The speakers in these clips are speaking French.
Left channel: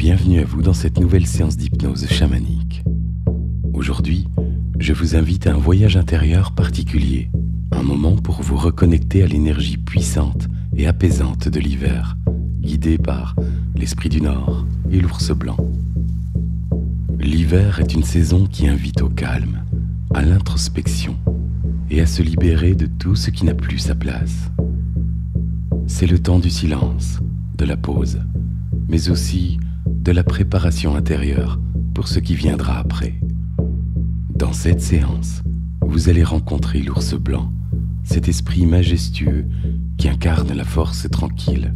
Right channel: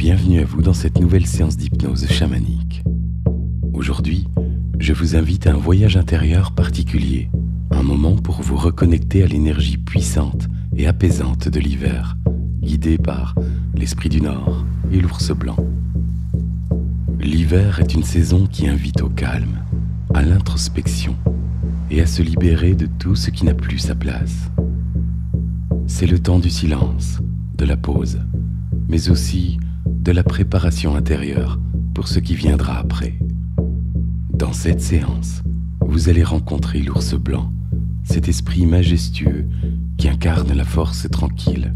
bienvenue à vous dans cette nouvelle séance d'hypnose chamanique. Aujourd'hui, je vous invite à un voyage intérieur particulier, un moment pour vous reconnecter à l'énergie puissante et apaisante de l'hiver, guidé par l'esprit du Nord et l'ours blanc. L'hiver est une saison qui invite au calme, à l'introspection et à se libérer de tout ce qui n'a plus sa place. C'est le temps du silence, de la pause, mais aussi de la préparation intérieure pour ce qui viendra après. Dans cette séance, vous allez rencontrer l'ours blanc, cet esprit majestueux qui incarne la force tranquille,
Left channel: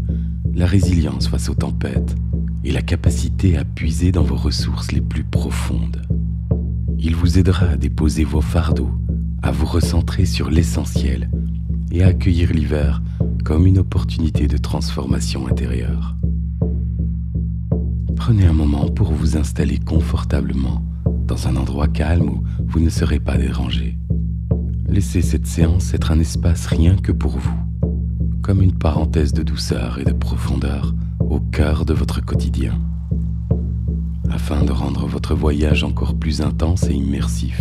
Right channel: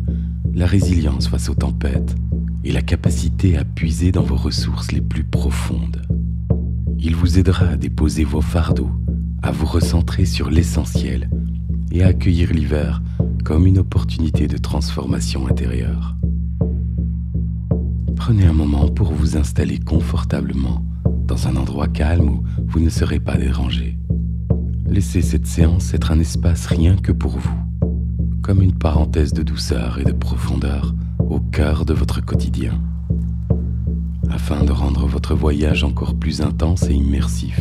la résilience face aux tempêtes et la capacité à puiser dans vos ressources les plus profondes. Il vous aidera à déposer vos fardeaux, à vous recentrer sur l'essentiel et à accueillir l'hiver comme une opportunité de transformation intérieure. Prenez un moment pour vous installer confortablement dans un endroit calme où vous ne serez pas dérangé. Laissez cette séance être un espace rien que pour vous, comme une parenthèse de douceur et de profondeur au cœur de votre quotidien. Afin de rendre votre voyage encore plus intense et immersif,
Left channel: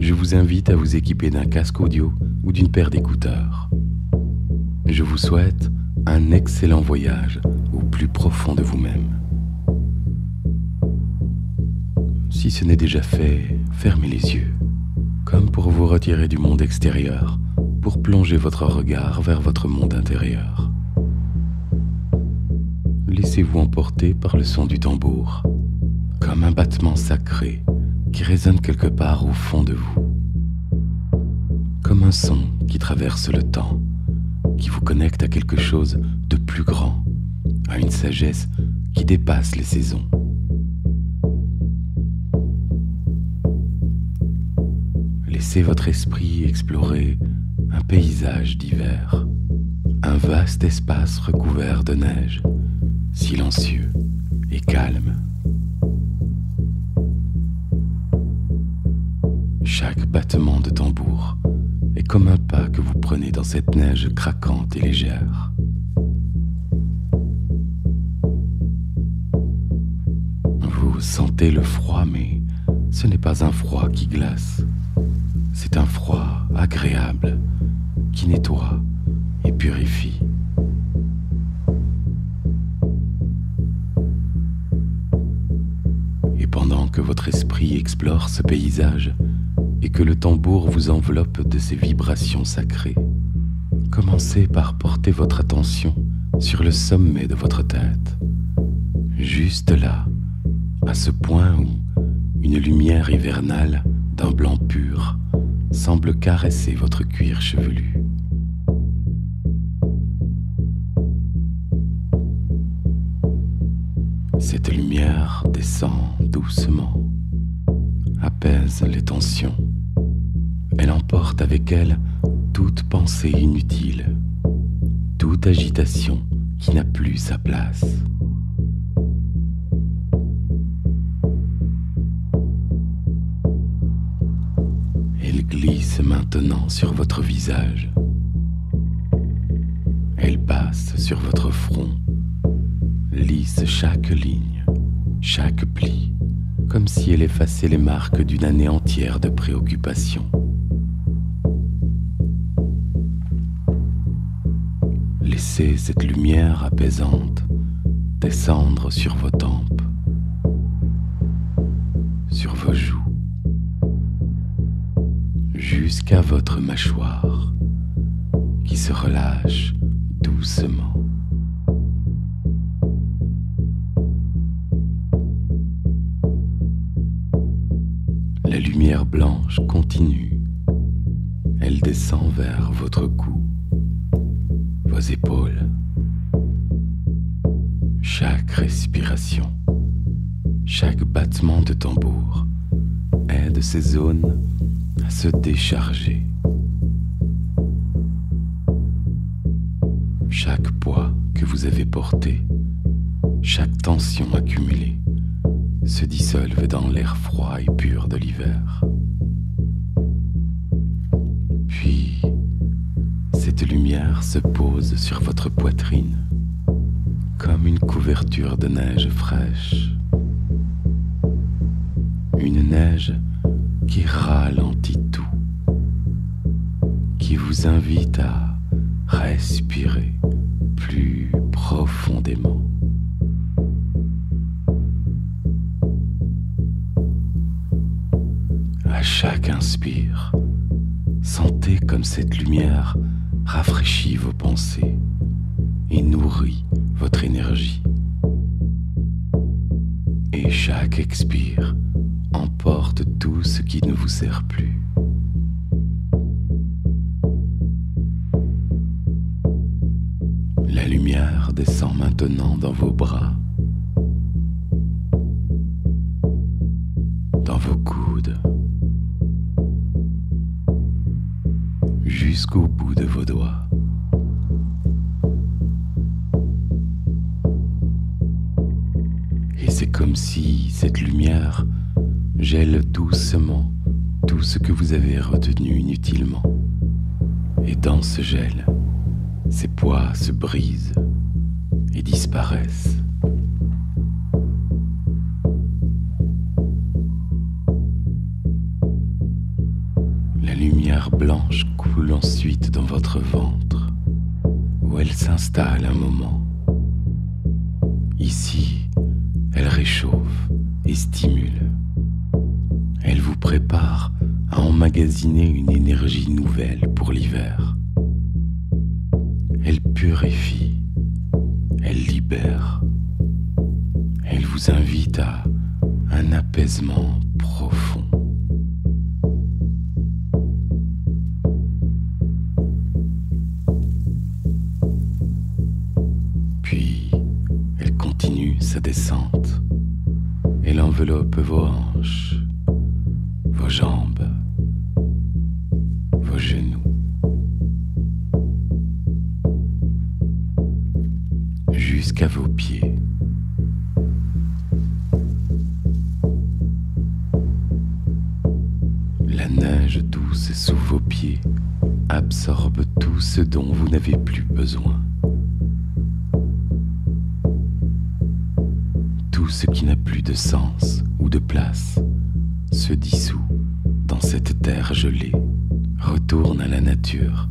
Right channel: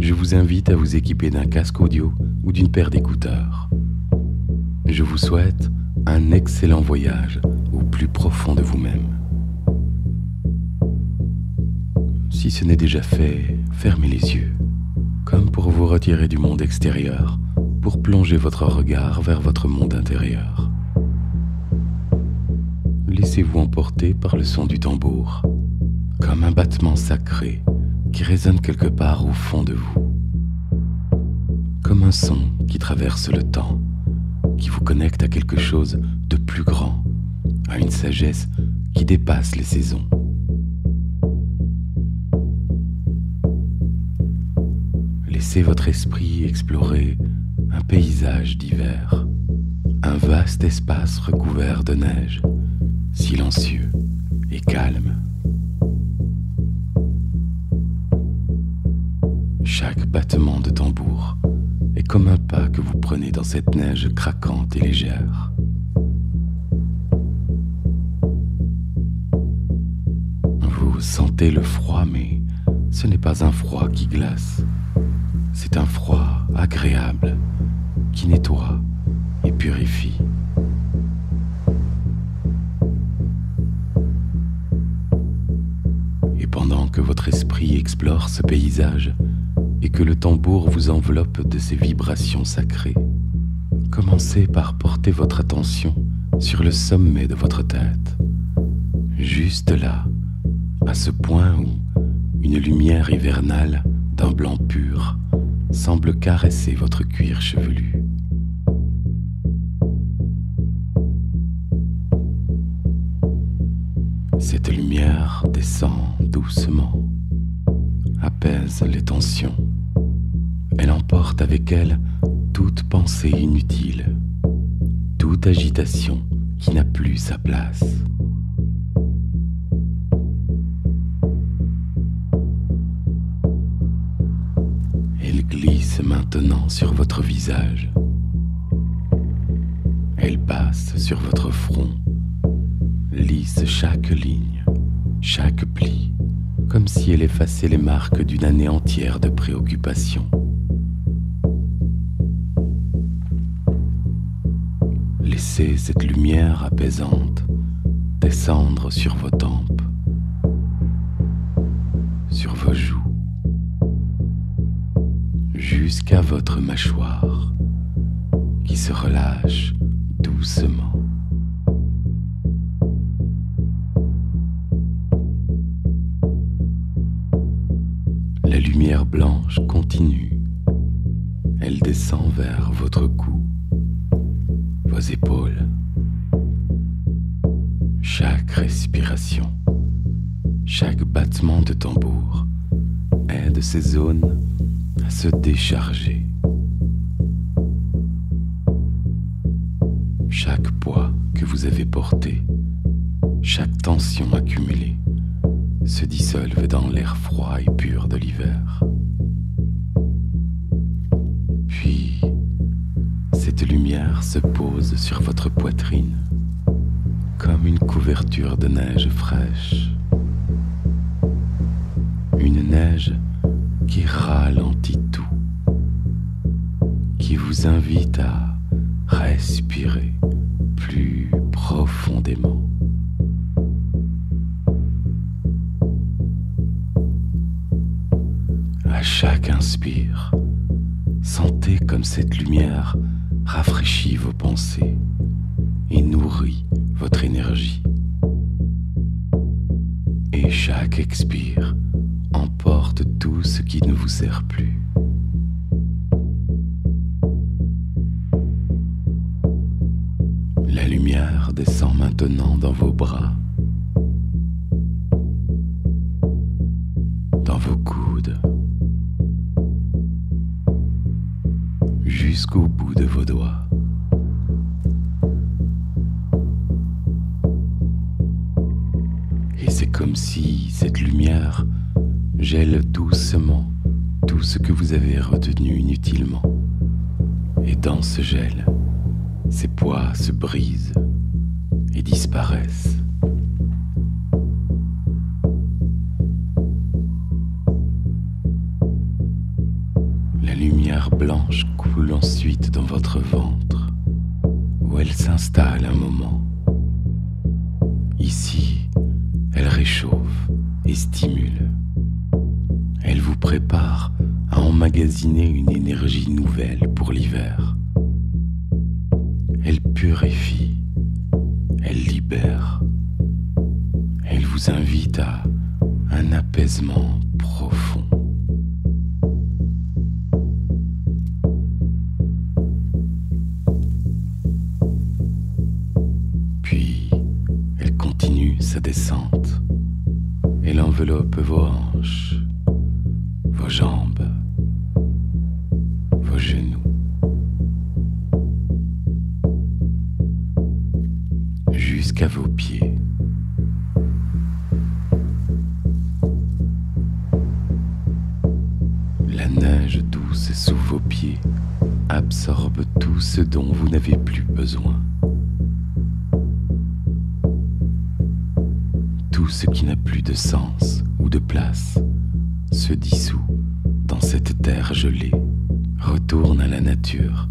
je vous invite à vous équiper d'un casque audio ou d'une paire d'écouteurs. Je vous souhaite un excellent voyage au plus profond de vous-même. Si ce n'est déjà fait, fermez les yeux, comme pour vous retirer du monde extérieur, pour plonger votre regard vers votre monde intérieur. Laissez-vous emporter par le son du tambour, comme un battement sacré qui résonne quelque part au fond de vous. Comme un son qui traverse le temps, qui vous connecte à quelque chose de plus grand, à une sagesse qui dépasse les saisons. Laissez votre esprit explorer un paysage d'hiver, un vaste espace recouvert de neige, silencieux et calme. Chaque battement de tambour est comme un pas que vous prenez dans cette neige craquante et légère. Vous sentez le froid, mais ce n'est pas un froid qui glace. C'est un froid agréable qui nettoie et purifie. Et pendant que votre esprit explore ce paysage et que le tambour vous enveloppe de ses vibrations sacrées, commencez par porter votre attention sur le sommet de votre tête, juste là, à ce point où une lumière hivernale d'un blanc pur semble caresser votre cuir chevelu. Cette lumière descend doucement, apaise les tensions. Elle emporte avec elle toute pensée inutile, toute agitation qui n'a plus sa place. Elle glisse maintenant sur votre visage. Elle passe sur votre front, lisse chaque ligne, chaque pli, comme si elle effaçait les marques d'une année entière de préoccupation. Laissez cette lumière apaisante descendre sur vos tempes, sur vos joues, jusqu'à votre mâchoire qui se relâche doucement. La lumière blanche continue. Elle descend vers votre cou, vos épaules. Chaque respiration, chaque battement de tambour aide ces zones à se décharger. Chaque poids que vous avez porté, chaque tension accumulée se dissolvent dans l'air froid et pur de l'hiver. Puis, cette lumière se pose sur votre poitrine, comme une couverture de neige fraîche. Une neige qui ralentit tout, qui vous invite à respirer plus profondément. À chaque inspire, sentez comme cette lumière rafraîchit vos pensées et nourrit votre énergie. Et chaque expire emporte tout ce qui ne vous sert plus. La lumière descend maintenant dans vos bras, dans vos coudes, jusqu'au bout de vos doigts. Et c'est comme si cette lumière gèle doucement tout ce que vous avez retenu inutilement. Et dans ce gel, ces poids se brisent et disparaissent. La lumière blanche coule ensuite dans votre ventre, où elle s'installe un moment. Ici, elle réchauffe et stimule. Elle vous prépare à emmagasiner une énergie nouvelle pour l'hiver. Elle purifie, elle libère. Elle vous invite à un apaisement profond. Puis, elle continue sa descente. Elle enveloppe vos hanches, vos jambes, vos genoux, jusqu'à vos pieds. La neige douce sous vos pieds absorbe tout ce dont vous n'avez plus besoin. Tout ce qui n'a plus de sens ou de place se dissout dans cette terre gelée, retourne à la nature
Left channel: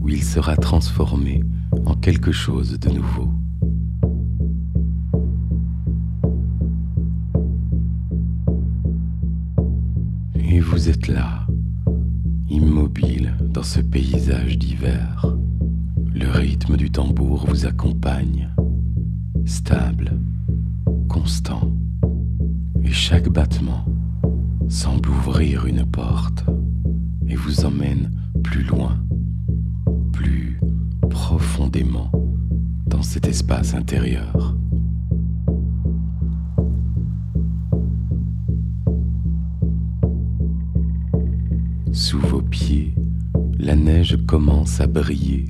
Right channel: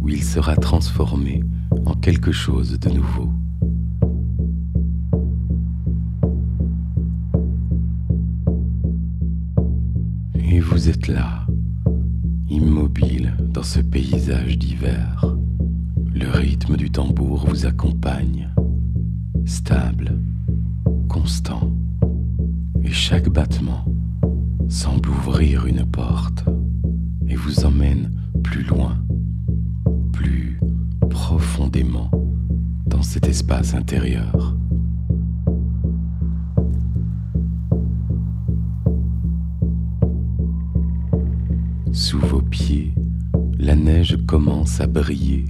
où il sera transformé en quelque chose de nouveau. Et vous êtes là, immobile dans ce paysage d'hiver. Le rythme du tambour vous accompagne, stable, constant, et chaque battement semble ouvrir une porte et vous emmène plus loin, plus profondément dans cet espace intérieur. Sous vos pieds, la neige commence à briller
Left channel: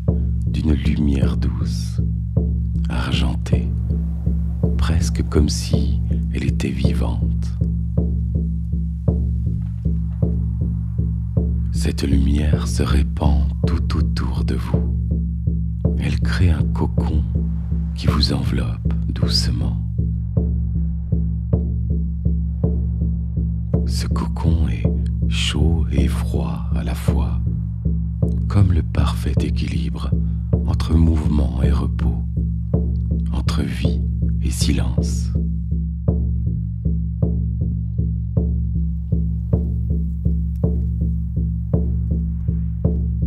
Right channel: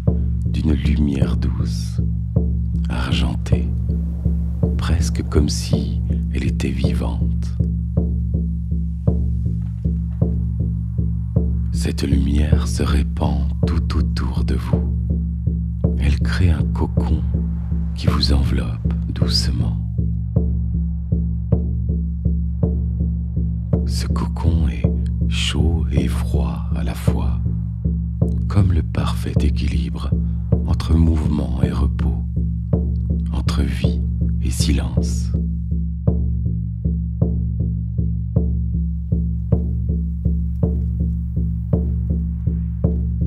d'une lumière douce, argentée, presque comme si elle était vivante. Cette lumière se répand tout autour de vous. Elle crée un cocon qui vous enveloppe doucement. Ce cocon est chaud et froid à la fois, comme le parfait équilibre entre mouvement et repos, entre vie et silence.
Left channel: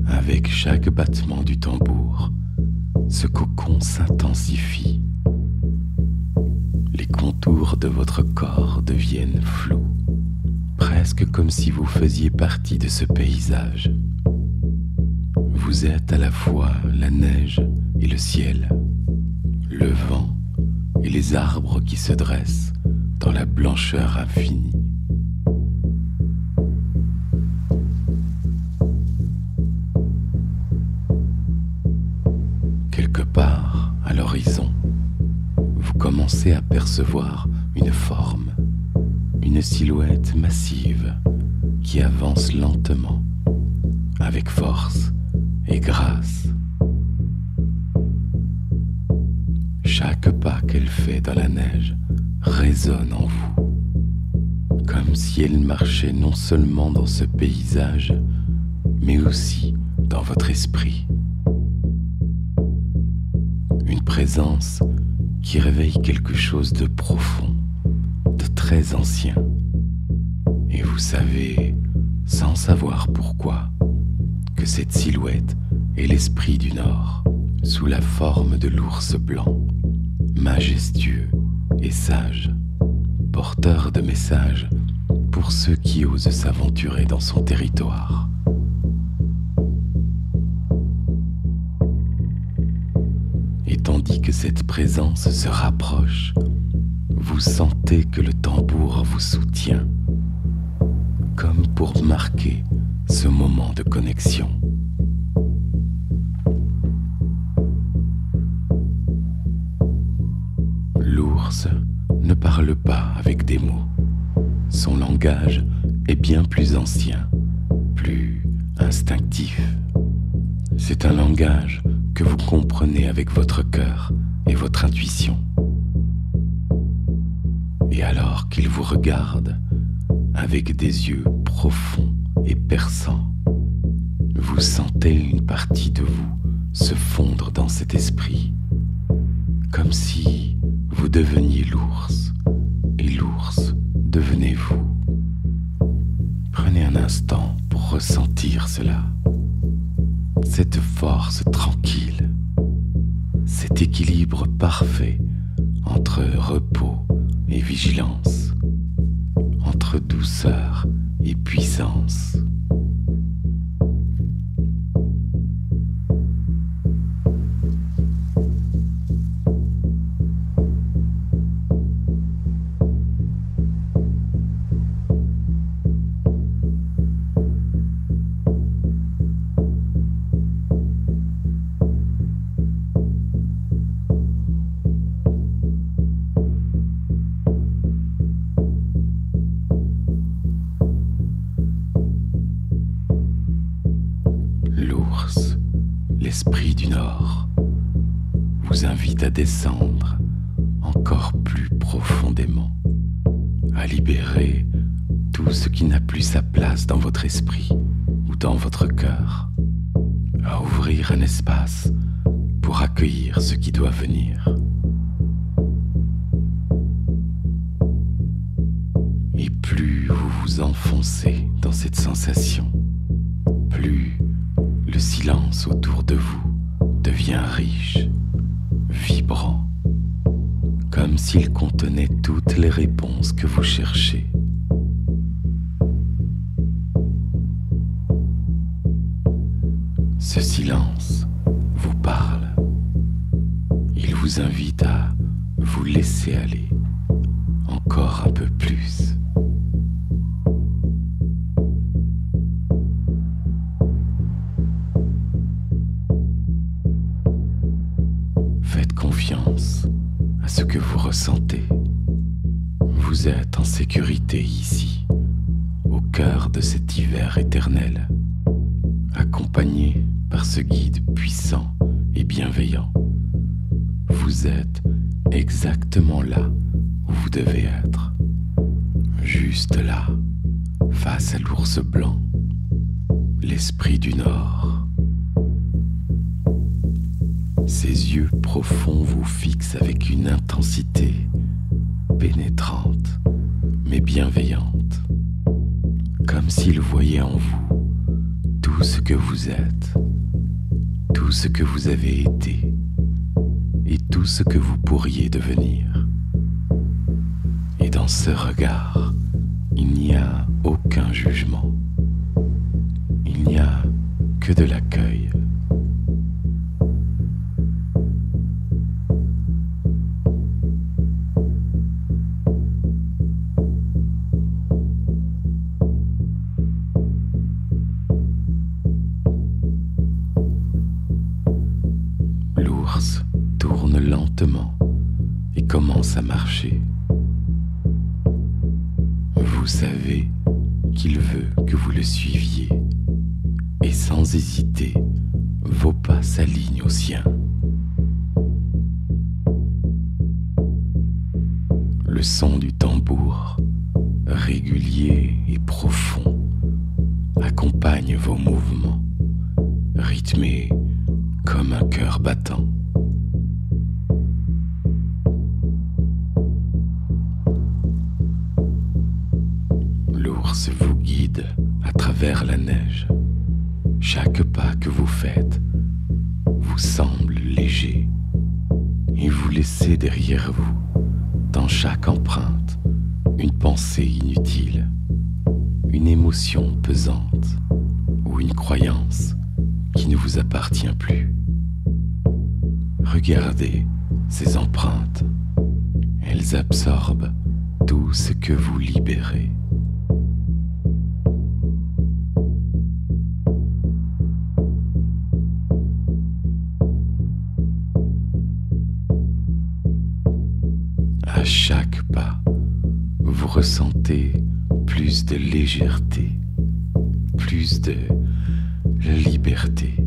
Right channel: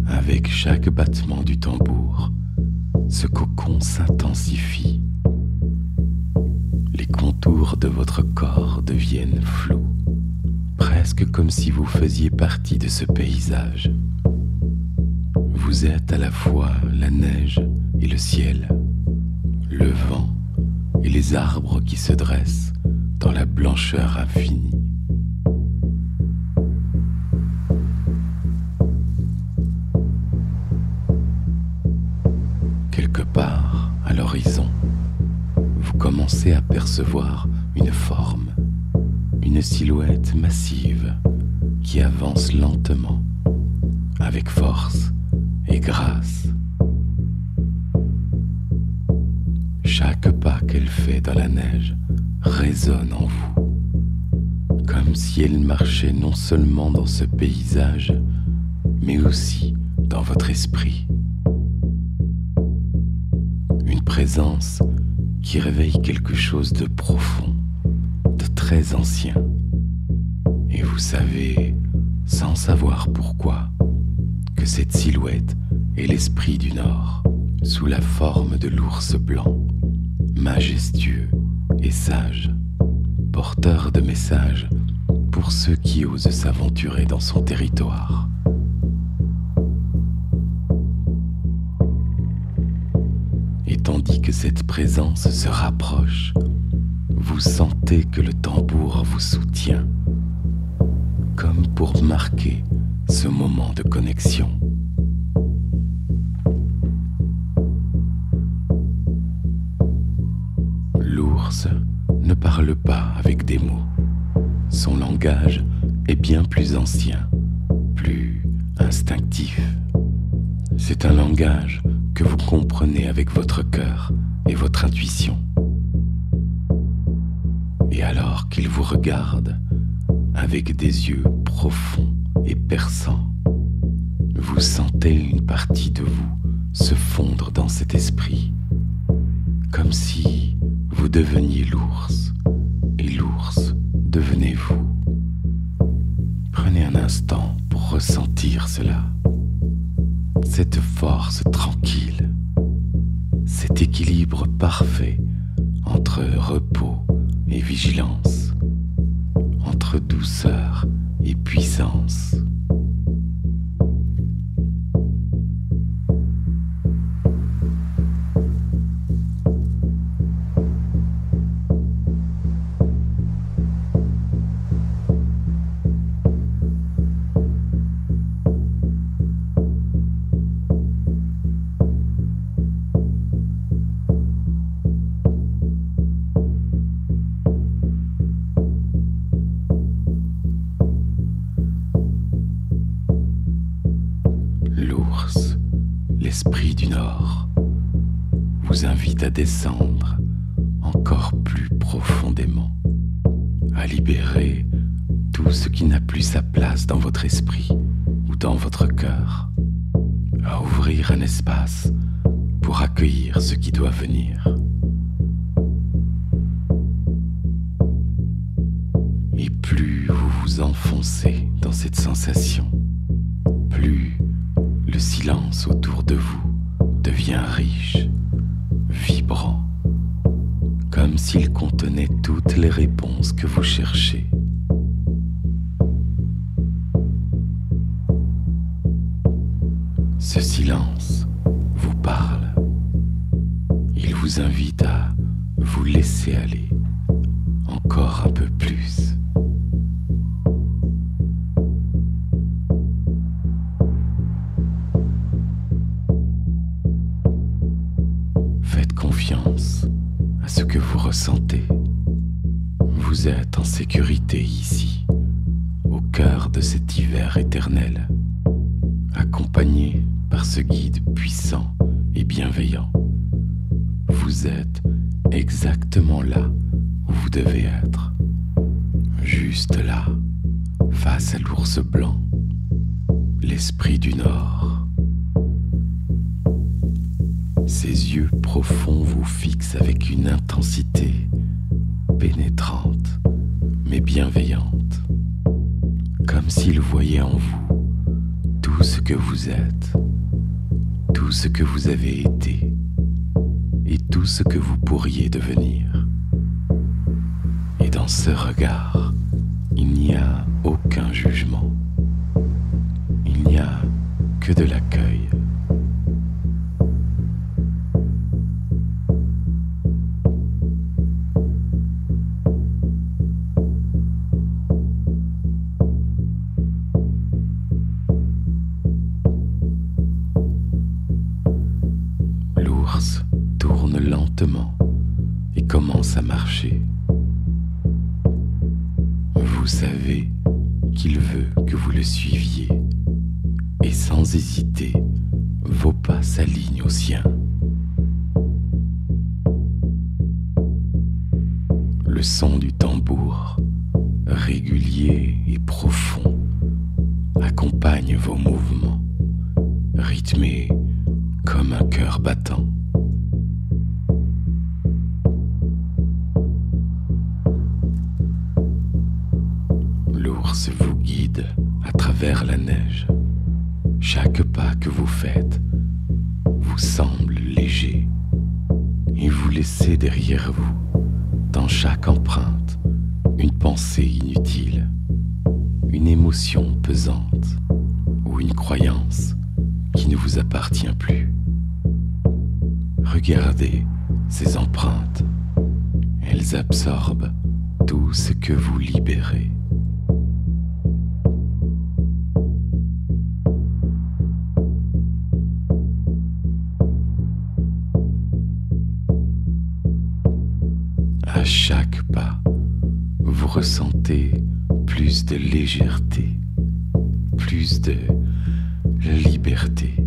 Avec chaque battement du tambour, ce cocon s'intensifie. Les contours de votre corps deviennent flous, presque comme si vous faisiez partie de ce paysage. Vous êtes à la fois la neige et le ciel, le vent et les arbres qui se dressent dans la blancheur infinie. Quelque part à l'horizon, vous commencez à percevoir une forme, une silhouette massive qui avance lentement, avec force et grâce. chaque pas qu'elle fait dans la neige résonne en vous, comme si elle marchait non seulement dans ce paysage, mais aussi dans votre esprit. Une présence qui réveille quelque chose de profond, de très ancien. Et vous savez, sans savoir pourquoi, que cette silhouette est l'esprit du Nord, sous la forme de l'ours blanc, majestueux et sage, porteur de messages pour ceux qui osent s'aventurer dans son territoire. Et tandis que cette présence se rapproche, vous sentez que le tambour vous soutient, comme pour marquer ce moment de connexion. L'ours ne parle pas avec des mots. Son langage est bien plus ancien, plus instinctif. C'est un langage que vous comprenez avec votre cœur et votre intuition. Et alors qu'il vous regarde avec des yeux profonds et perçants, vous sentez une partie de vous se fondre dans cet esprit, comme si vous deveniez l'ours et l'ours devenait vous. Prenez un instant pour ressentir cela, cette force tranquille, cet équilibre parfait entre repos et vigilance, entre douceur et puissance. L'ours, l'esprit du Nord, vous invite à descendre encore plus profondément, à libérer tout ce qui n'a plus sa place dans votre esprit ou dans votre cœur, à ouvrir un espace pour accueillir ce qui doit venir. Et plus vous vous enfoncez dans cette sensation, plus le silence autour de vous devient riche, vibrant, comme s'il contenait toutes les réponses que vous cherchez. Ce silence vous parle. Il vous invite à vous laisser aller encore un peu plus. Faites confiance à ce que vous ressentez. Vous êtes en sécurité ici, au cœur de cet hiver éternel, accompagné par ce guide puissant et bienveillant. Vous êtes exactement là où vous devez être, juste là, face à l'ours blanc, l'esprit du Nord. Ses yeux profonds vous fixent avec une intensité pénétrante, mais bienveillante, comme s'il voyait en vous tout ce que vous êtes, tout ce que vous avez été et tout ce que vous pourriez devenir. Et dans ce regard, il n'y a aucun jugement, il n'y a que de l'accueil. L'ours tourne lentement et commence à marcher. Vous savez qu'il veut que vous le suiviez et sans hésiter, vos pas s'alignent aux siens. Le son du tambour, régulier et profond, accompagne vos mouvements, rythmés comme un cœur battant. L'ours vous guide à travers la neige. Chaque pas que vous faites vous semble léger et vous laissez derrière vous, dans chaque empreinte, une pensée inutile, une émotion pesante ou une croyance qui ne vous appartient plus. Regardez ces empreintes. Elles absorbent tout ce que vous libérez. À chaque pas, vous ressentez plus de légèreté, plus de liberté.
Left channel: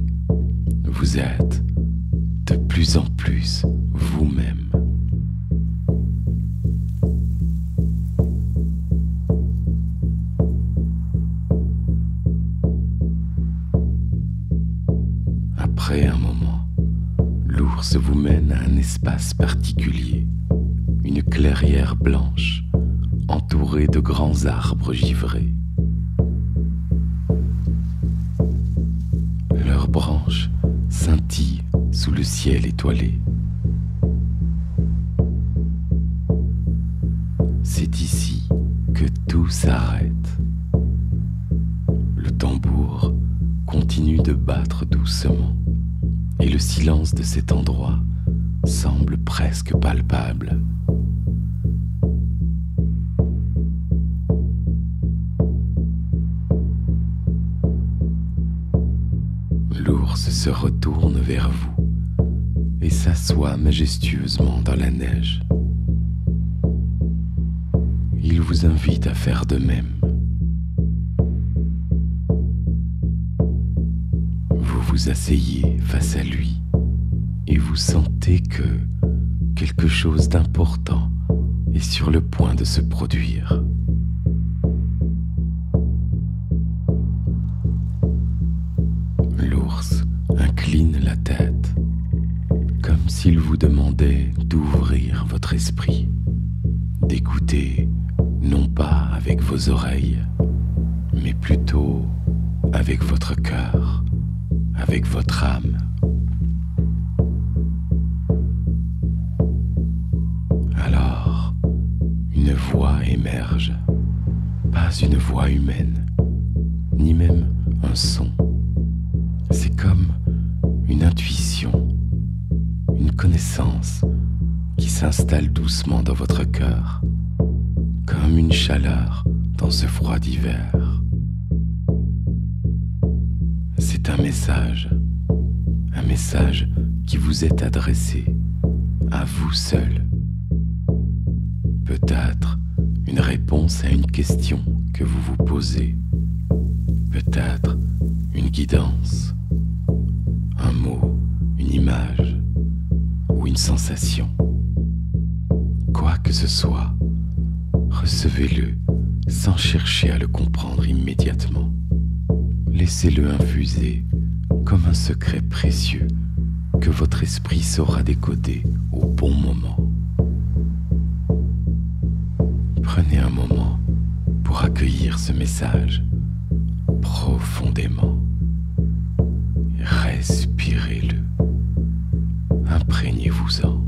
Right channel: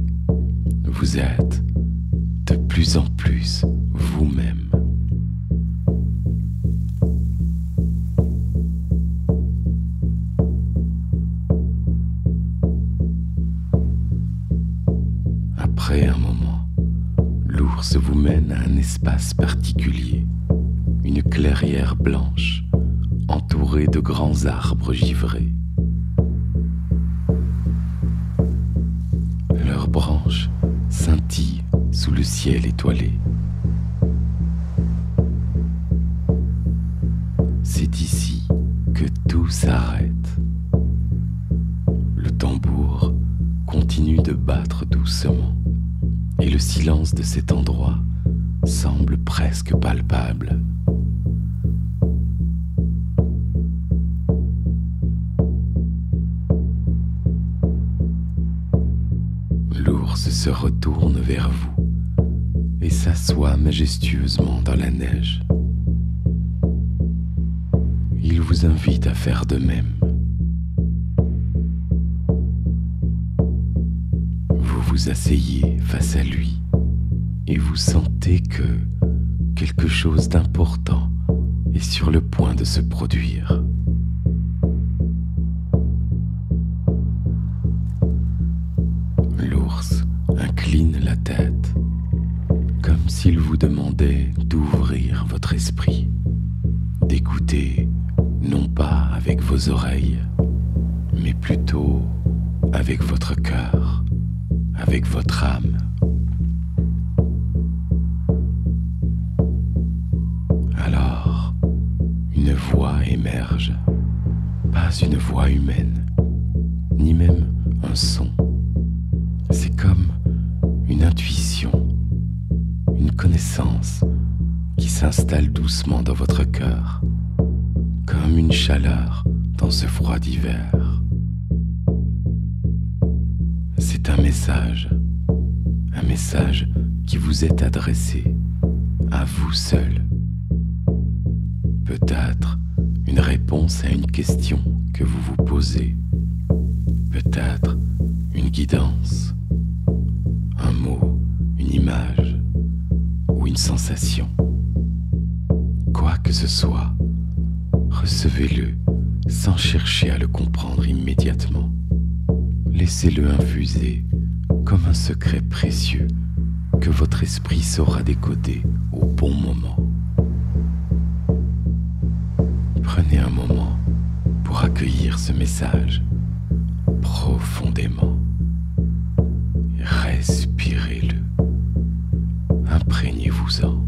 Vous êtes de plus en plus vous-même. Après un moment, l'ours vous mène à un espace particulier, une clairière blanche entourée de grands arbres givrés. Leurs branches scintillent sous le ciel étoilé. C'est ici que tout s'arrête. Le tambour continue de battre doucement et le silence de cet endroit semble presque palpable. L'ours se retourne vers vous et s'assoit majestueusement dans la neige. Il vous invite à faire de même. Vous vous asseyez face à lui et vous sentez que quelque chose d'important est sur le point de se produire. L'ours incline la tête, comme s'il vous demandait d'ouvrir votre esprit, d'écouter non pas avec vos oreilles, mais plutôt avec votre cœur, avec votre âme. Alors, une voix émerge, pas une voix humaine, ni même un son. C'est comme une intuition, une connaissance qui s'installe doucement dans votre cœur, comme une chaleur dans ce froid d'hiver. C'est un message qui vous est adressé, à vous seul. Peut-être une réponse à une question que vous vous posez, peut-être une guidance, un mot, une image ou une sensation. Quoi que ce soit, recevez-le sans chercher à le comprendre immédiatement. Laissez-le infuser comme un secret précieux que votre esprit saura décoder au bon moment. Prenez un moment pour accueillir ce message profondément. Respirez-le. Imprégnez-vous-en.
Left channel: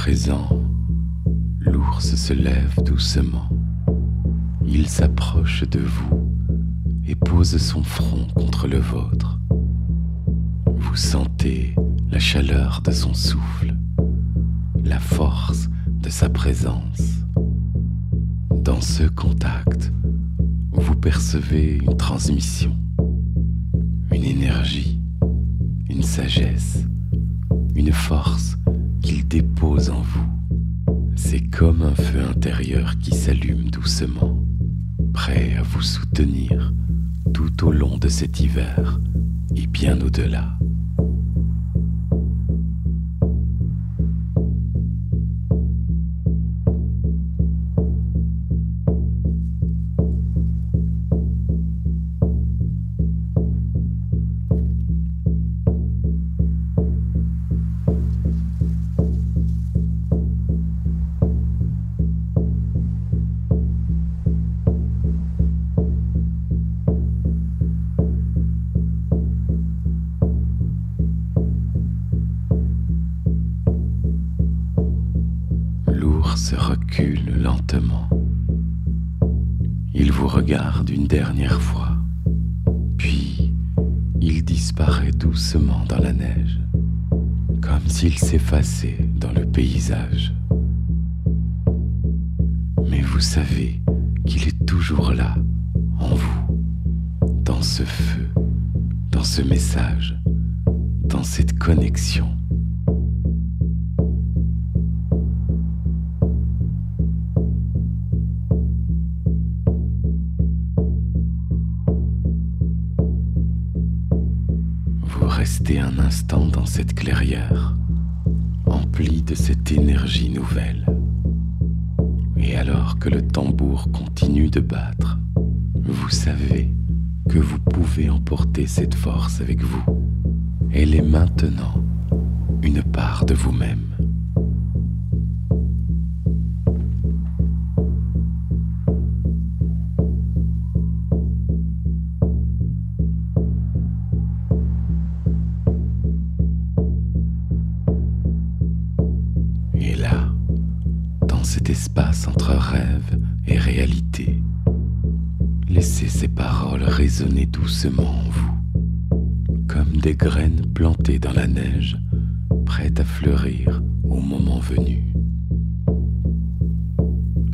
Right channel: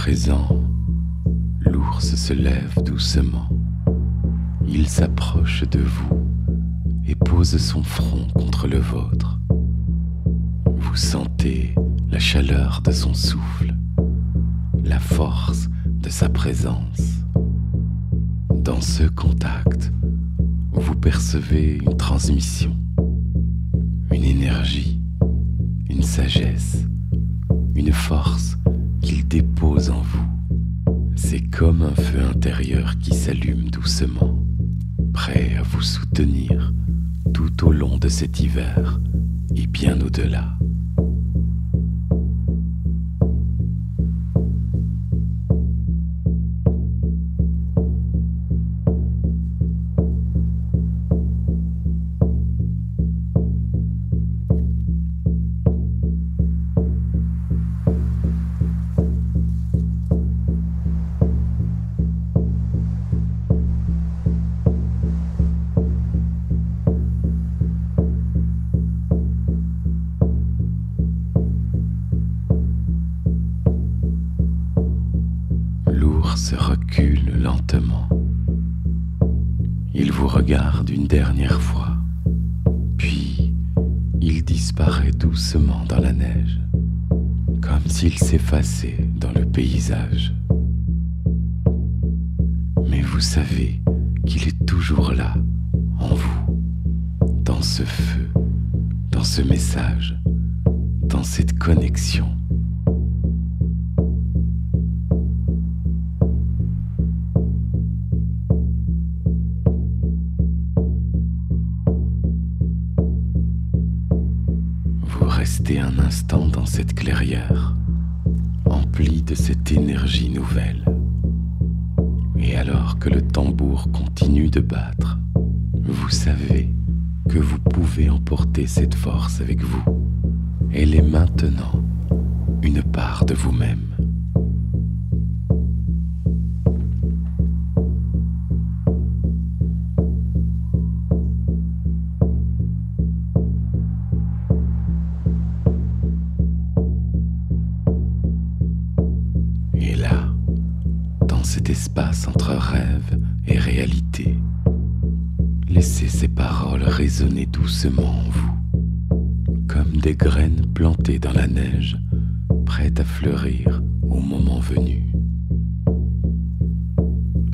présent, l'ours se lève doucement. Il s'approche de vous et pose son front contre le vôtre. Vous sentez la chaleur de son souffle, la force de sa présence. Dans ce contact, vous percevez une transmission, une énergie, une sagesse, une force qu'il dépose en vous. C'est comme un feu intérieur qui s'allume doucement, prêt à vous soutenir tout au long de cet hiver et bien au-delà. L'ours recule lentement. Il vous regarde une dernière fois, puis il disparaît doucement dans la neige, comme s'il s'effaçait dans le paysage. Mais vous savez qu'il est toujours là, en vous, dans ce feu, dans ce message, dans cette connexion. Vous restez un instant dans cette clairière, empli de cette énergie nouvelle. Et alors que le tambour continue de battre, vous savez que vous pouvez emporter cette force avec vous. Elle est maintenant une part de vous-même. Et là, dans cet espace entre rêve et réalité, laissez ces paroles résonner doucement en vous, comme des graines plantées dans la neige, prêtes à fleurir au moment venu.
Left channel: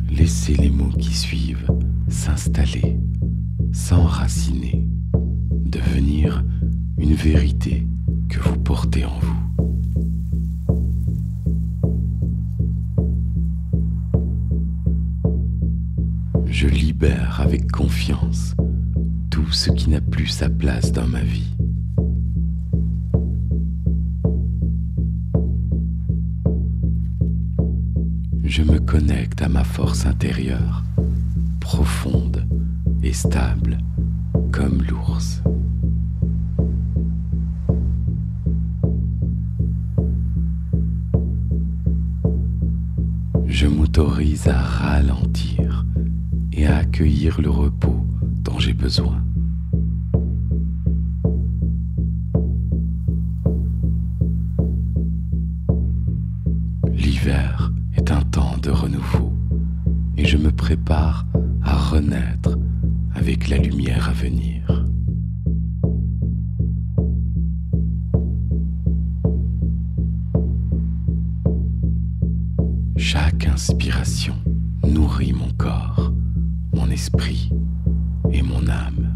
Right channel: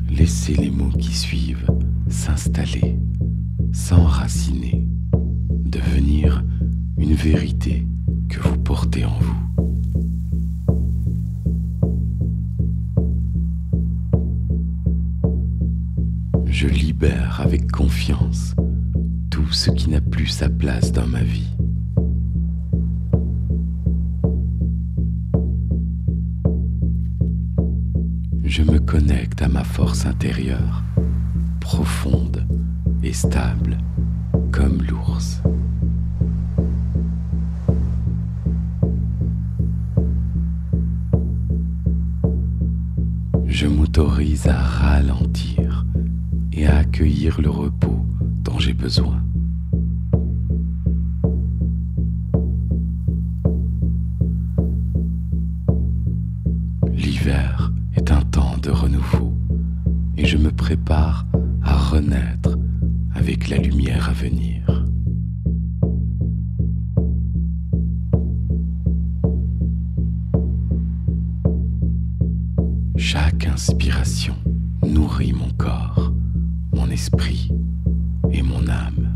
Laissez les mots qui suivent s'installer, s'enraciner, devenir une vérité que vous portez en vous. Je libère avec confiance tout ce qui n'a plus sa place dans ma vie. Je me connecte à ma force intérieure, profonde et stable, comme l'ours. Je m'autorise à ralentir et à accueillir le repos dont j'ai besoin. L'hiver est un temps de renouveau et je me prépare à renaître avec la lumière à venir. Chaque inspiration nourrit mon corps, mon esprit et mon âme.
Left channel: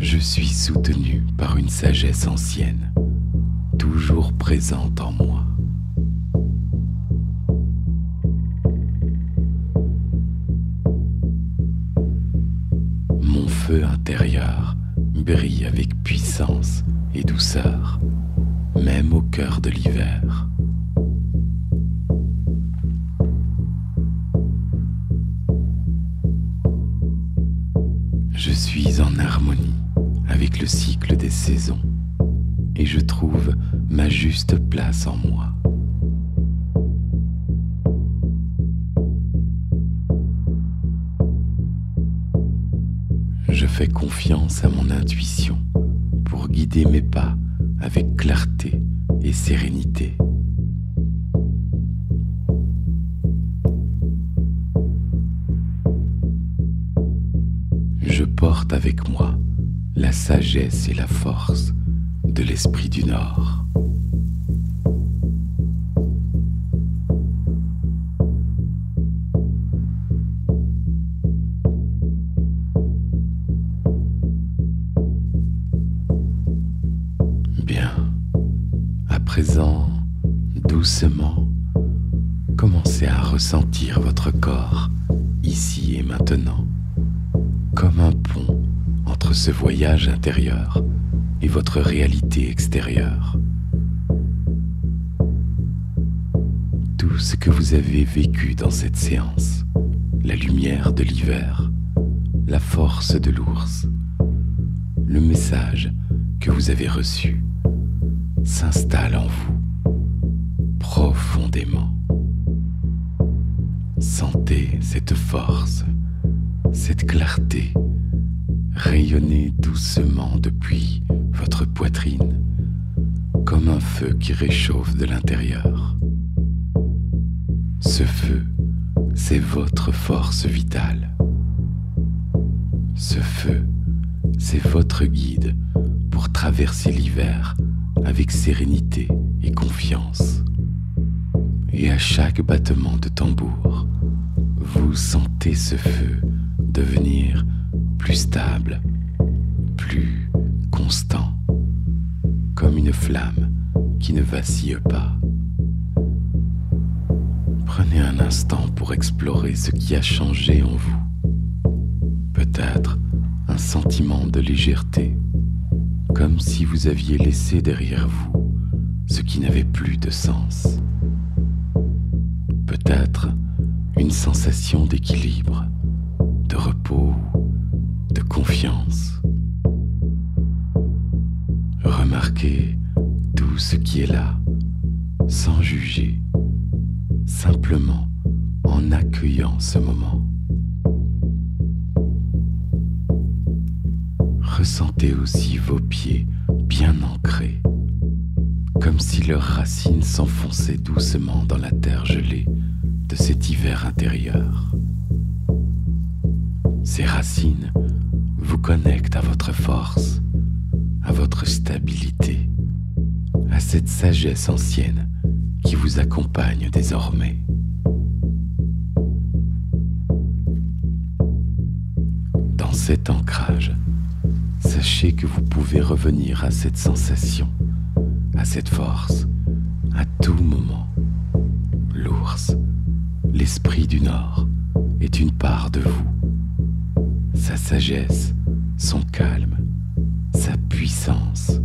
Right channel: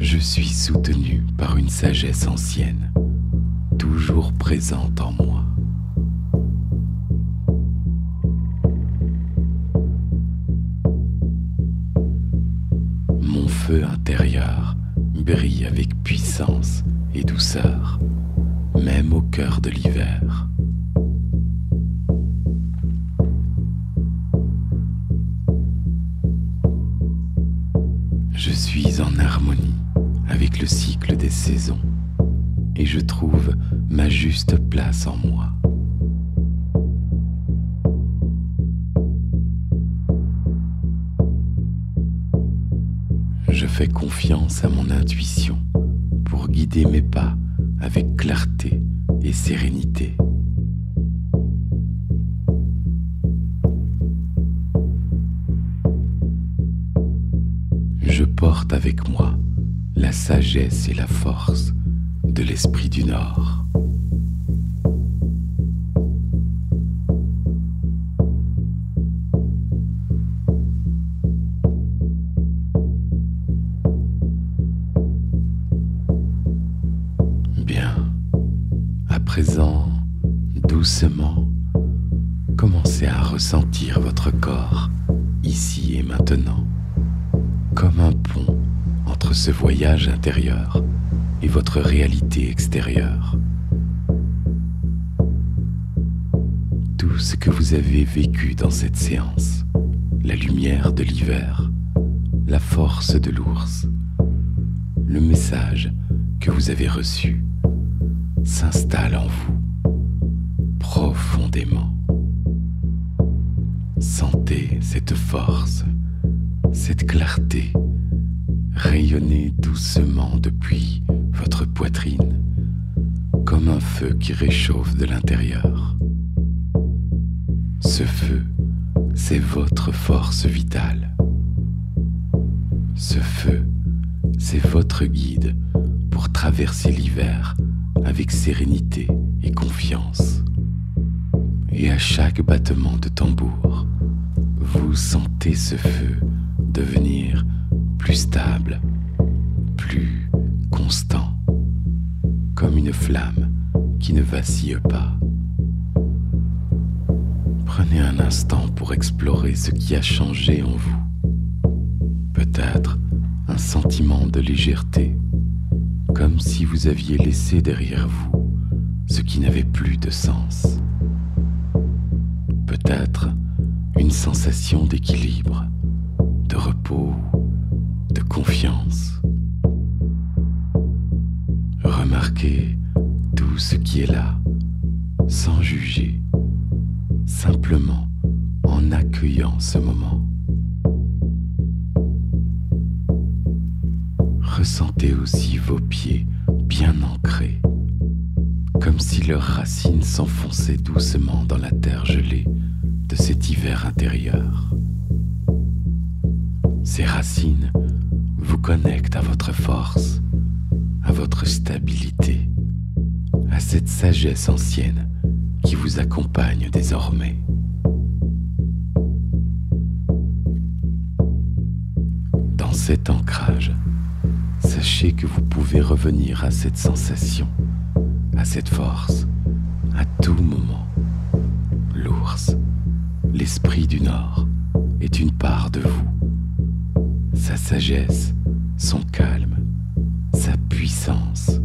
Je suis soutenu par une sagesse ancienne, toujours présente en moi. Mon feu intérieur brille avec puissance et douceur, même au cœur de l'hiver. Je suis en harmonie avec le cycle des saisons et je trouve ma juste place en moi. Je fais confiance à mon intuition pour guider mes pas avec clarté et sérénité. Je porte avec moi la sagesse et la force de l'esprit du Nord. Bien, à présent, doucement, commencez à ressentir votre corps ici et maintenant, comme un pont entre ce voyage intérieur et votre réalité extérieure. Tout ce que vous avez vécu dans cette séance, la lumière de l'hiver, la force de l'ours, le message que vous avez reçu, s'installe en vous profondément. Sentez cette force, cette clarté rayonner doucement depuis votre poitrine, comme un feu qui réchauffe de l'intérieur. Ce feu, c'est votre force vitale. Ce feu, c'est votre guide pour traverser l'hiver avec sérénité et confiance. Et à chaque battement de tambour, vous sentez ce feu devenir plus stable, plus constant, comme une flamme qui ne vacille pas. Prenez un instant pour explorer ce qui a changé en vous. Peut-être un sentiment de légèreté, comme si vous aviez laissé derrière vous ce qui n'avait plus de sens. Peut-être une sensation d'équilibre, de repos, de confiance. Remarquez tout ce qui est là, sans juger, simplement en accueillant ce moment. Ressentez aussi vos pieds bien ancrés, comme si leurs racines s'enfonçaient doucement dans la terre gelée de cet hiver intérieur. Ces racines vous connectent à votre force, à votre stabilité, à cette sagesse ancienne qui vous accompagne désormais. Dans cet ancrage, sachez que vous pouvez revenir à cette sensation, à cette force, à tout moment. L'ours, l'esprit du Nord, est une part de vous. Sa sagesse, son calme, sa puissance,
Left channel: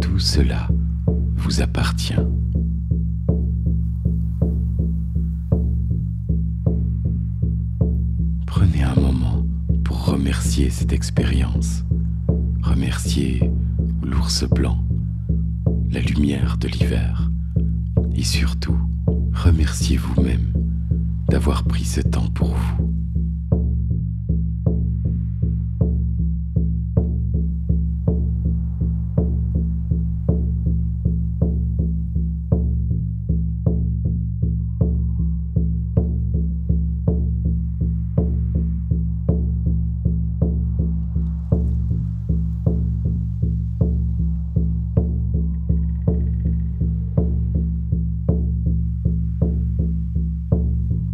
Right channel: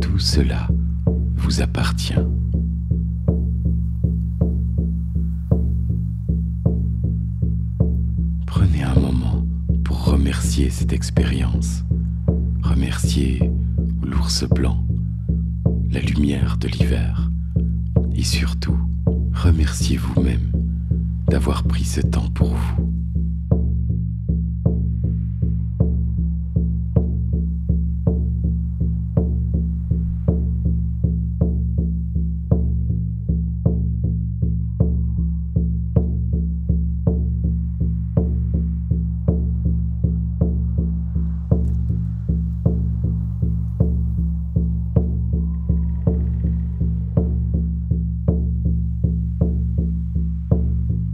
tout cela vous appartient. Prenez un moment pour remercier cette expérience, remercier l'ours blanc, la lumière de l'hiver, et surtout, remerciez vous-même d'avoir pris ce temps pour vous.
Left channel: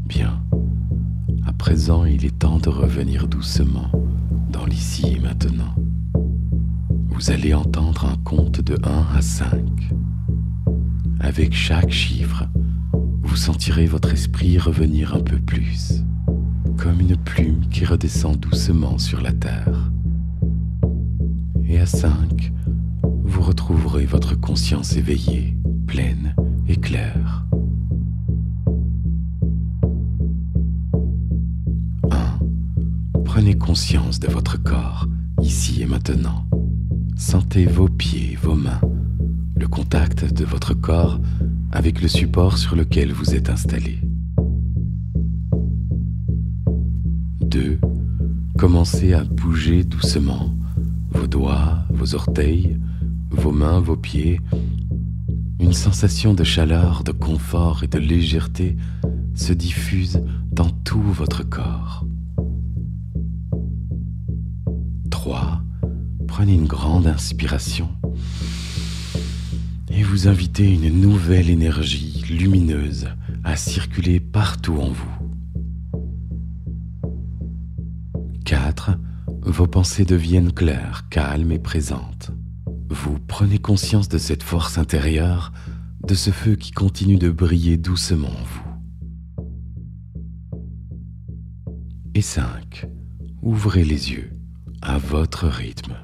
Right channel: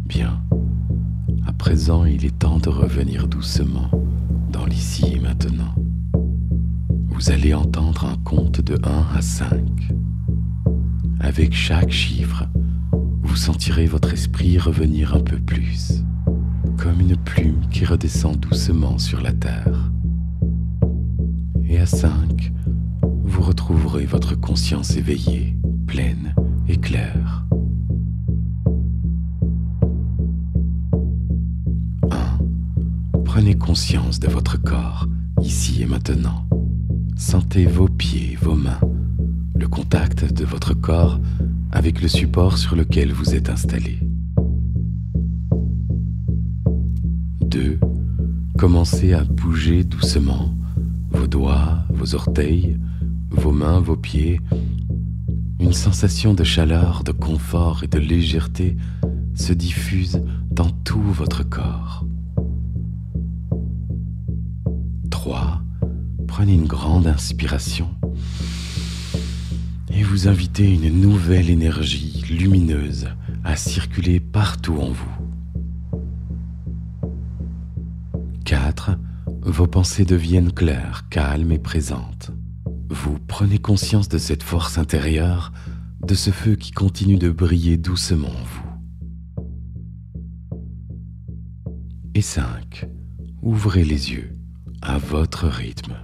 Bien, à présent il est temps de revenir doucement dans l'ici et maintenant. Vous allez entendre un compte de 1 à 5. Avec chaque chiffre, vous sentirez votre esprit revenir un peu plus, comme une plume qui redescend doucement sur la terre. Et à 5, vous retrouverez votre conscience éveillée, pleine et claire. 1. Prenez conscience de votre corps, ici et maintenant. Sentez vos pieds, vos mains, le contact de votre corps avec le support sur lequel vous êtes installé. 2. Commencez à bouger doucement vos vos doigts, vos orteils, vos mains, vos pieds. Une sensation de chaleur, de confort et de légèreté se diffuse dans tout votre corps. 3. Prenez une grande inspiration et vous invitez une nouvelle énergie lumineuse à circuler partout en vous. 4. Vos pensées deviennent claires, calmes et présentes. Vous prenez conscience de cette force intérieure, de ce feu qui continue de briller doucement en vous. Et 5. Ouvrez les yeux à votre rythme.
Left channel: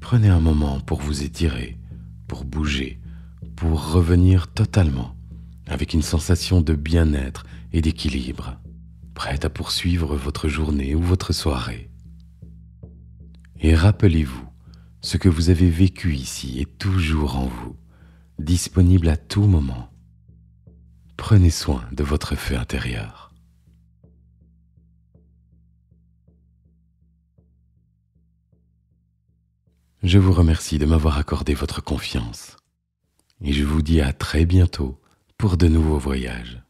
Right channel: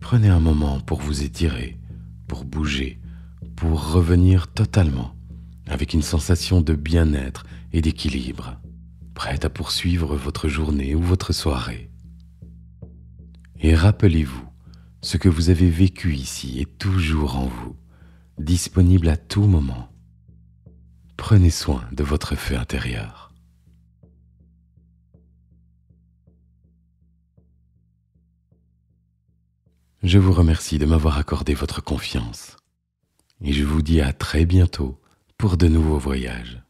Prenez un moment pour vous étirer, pour bouger, pour revenir totalement avec une sensation de bien-être et d'équilibre, prête à poursuivre votre journée ou votre soirée. Et rappelez-vous, ce que vous avez vécu ici est toujours en vous, disponible à tout moment. Prenez soin de votre feu intérieur. Je vous remercie de m'avoir accordé votre confiance et je vous dis à très bientôt pour de nouveaux voyages.